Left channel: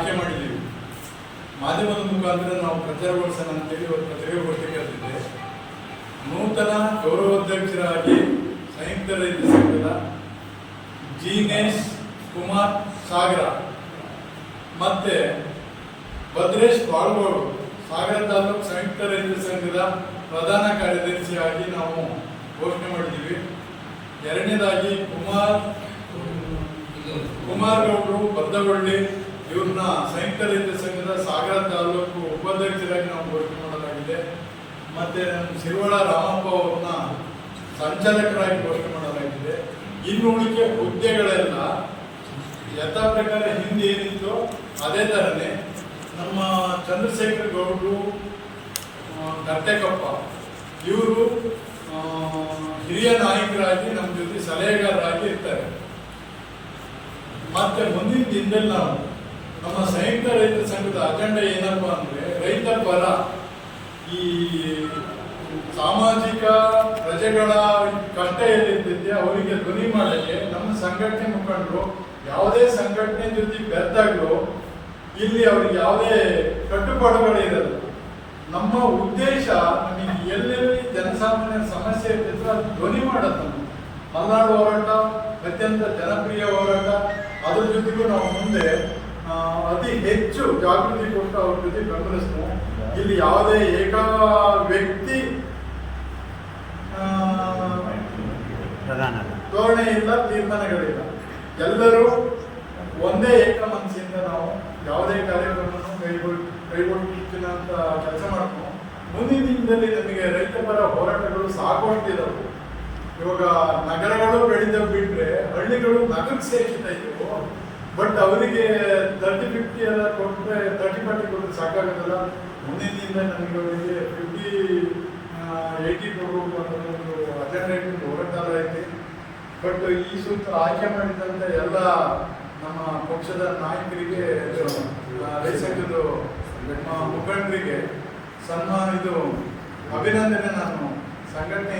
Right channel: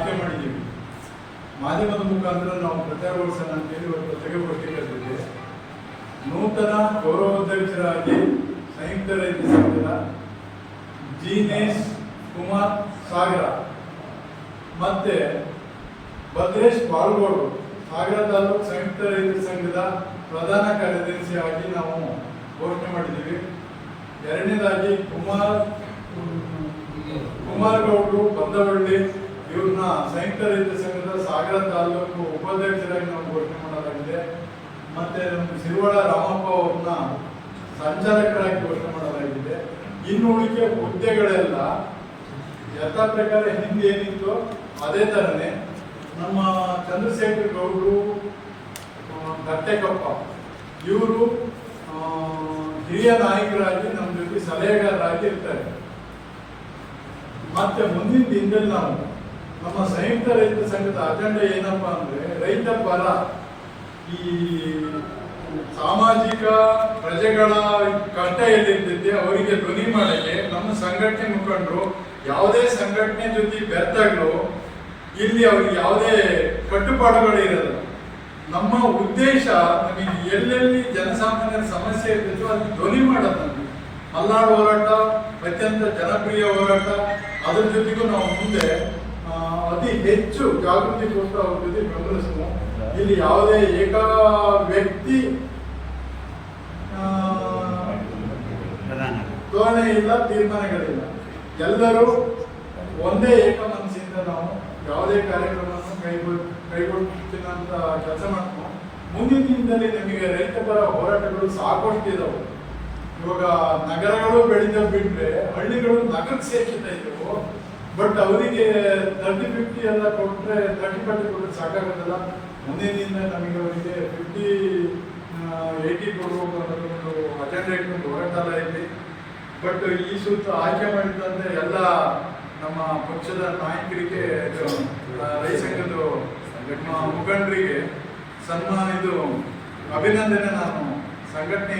ಆಯ್ಕೆ ಮಾಡಿದ್ದೀವಿ. ಮಾಧ್ಯಮದ ಮುಖಾಂತರ ನಾವು ಪ್ರಚಾರಗೊಳಿಸೋಣ ಅಂತೇಳಿ ಒಂದು ಪತ್ರಿಕಾಗೋಷ್ಠಿ ಕರೆದಿದ್ದೆ. ನೂತನ ಗೌರವಾಧ್ಯಕ್ಷರಾಗಿ ಸಂಯುಕ್ತ ರೈತ ಸಂಘದ ಜಿನೇಶ್ ಕುಮಾರ್ ಸಾಗರ ಮತ್ತೆ ಭದ್ರೇಶ್ ಬಾಳ್ಗೋಡು ಸಾಗರ ತಾಲೂಕು ಸಂಯುಕ್ತ ರೈತ ಸಂಘದ ಪ್ರಧಾನ ಕಾರ್ಯದರ್ಶಿಯಾಗಿ ನಾವು ಘೋಷಣೆ ಮಾಡಿದ್ದೀವಿ. ಎರಡನೇದಾಗಿ ಕುಮಾರ್ ಗೌಡರು ಬದ್ದವಳ್ಳಿ ಇವ್ರನ್ನ ಸಂಯುಕ್ತ ರೈತ ಸಂಘದ ಸಾಗರ ತಾಲೂಕು ಉಪಾಧ್ಯಕ್ಷರಾಗಿ ನಾವು ಘೋಷಣೆ ಮಾಡಲಾಗಿದೆ. ಮತ್ತೆ ನಮ್ಮ ಸಿರುವಳ ರಾಮಪ್ಪ ಅವ್ರನ್ನ ಸಂಚಾಲಕರಾಗಿ ಘೋಷಣೆ ಮಾಡಲಾಗಿದೆ. ಇನ್ನು ಉಳಿಕೆ ಹುದ್ದೆಗಳೆಲ್ಲ ಯಥಾ ಪ್ರಕಾರ ಹಿಂದೆ ಏನಿತ್ತು ಅದೇ ಥರನೇ ನಮ್ಮ ಚಂದ್ರಶೇಖರ್ ಗೌಡರು ಕಟ್ಟೆಕಪ್ಪ ಇವರು ಹಿರಿಯ ನಾಯಕರಾಗಿ ನಮ್ಮ ಜೊತೆ ಸಲಹೆಗಾರರಾಗಿ ಇರ್ತಾರೆ. ಮತ್ತೆ ಮುಂದಿನ ದಿನದಲ್ಲಿ ನಾವು ನಮ್ಮ ಸಂಯುಕ್ತ ರೈತ ಸಂಘದ ಅಜೆಂಡಾ ಏನಪ್ಪಾ ಅಂದ್ರೆ ರೈತ ಪರ ಈ ಸಾಮಾಜಿಕ ಪ್ರಜೆಗಳ ಕಷ್ಟ ಎಲ್ಲಿರ್ತೈತೆ ಅವರಿಗೆ ಧ್ವನಿ ಮಾಡಕ್ಕೆ ನಮ್ಮ ಸಂಘಟನೆ ಮುಖಂಡರು ಯಾವುದೇ ಸಂಘಟನೆ ಜೊತೆ ಬೆರ್ತಾಗ್ಲು ಇಲ್ಲಿ ಅವ್ರಿಗೆ ಯಾವುದೇ ಕಟ್ಟುಪಾಡುಗಳಿರಲ್ಲ. ನಮ್ಮ ಉದ್ದೇಶ ನಮಗೆ ಎಲ್ಲೆಲ್ಲಿ ಜನಸಾಮಾನ್ಯರ ಸಮಸ್ಯೆ ಇರ್ತೈತೋ ಅಲ್ಲಿ ಧ್ವನಿ ಮಾಡೋದು. ನಮಗೆ ಮಲ್ನಾಡು ಹೋರಾಟ ಅತ್ಯಂತ ಜನಪ್ರಿಯ ಹೋರಾಟ, ಅದ್ರ ಜೊತೆಗೂ ನಾವು ಮುಂದೆ ಅತಿ ಹೆಚ್ಚು ಜಾಗೃತಿ ಕೊಟ್ಟು ಅವ್ರ ಜೊತೆ ಬೆಂಬಲಿಸ್ತು. ಇಲ್ಲಿ ಯಾವುದೇ ಏಕ ವ್ಯಕ್ತಿ ಧೋರಣೆ ಇಲ್ಲ, ತೀರ್ಮಾನಗಳಿಲ್ಲ. ಎಲ್ಲರೂ ಒಂದೇ ಏಕ ಮನಸ್ಸಿಂದ ನಾವು ಯಾವುದೇ ಕಾರ್ಯಕ್ರಮವನ್ನು ಕೈಗೊಳ್ಳುತ್ತಿನ ಅಂತ ಕೆಲಸ ಮಾಡ್ತೀವಿ. ಮುಂದಿನ ದಿನದಲ್ಲಿ ನಮಗೆ ರೈತ ಪರ ಹೋರಾಟಗಳು ಸಾಕಷ್ಟು ಇದಾವೆ. ಇವಾಗ ನಗರಗಳು ಬೆಳೆದ ಬಿಟ್ರೆ ಹಳ್ಳಿಗಳು ನಗರಕ್ಕೆ ಸೇರ್ತಾ ಇದ್ದವು. ಬಟ್ ಅವರಿಗೆ 30-50 ಎಲ್ಲ ಕೊಟ್ಟರೆ 30-40 ಕೊಟ್ಟರೆ ಸಾಕಾಗೋದಲ್ಲ. ಮುಂದಿನ ದಿನ ನಮಗೆ ಅವರಿಗೆ 50-80 ಕೊಡುವ ಒಂದು ಅಜೆಂಡಾ ಇಟ್ಕೊಂಡು ಹೋರಾಟ ಇರಲಿ. ಬಟ್ ಈ ಸುತ್ತು ಆಯ್ಕೆ ಮಾಡಿದಂಥ ಎಲ್ಲ ನಮ್ಮ ಪಕ್ಷದ ನಾಯಕರಿಗೆ, ರೈತ ಸಂಘದ ಮುಖಂಡರಿಗೆ ಅಭಿನಂದನೆ. ನಾನು ಸಂಘಟನೆ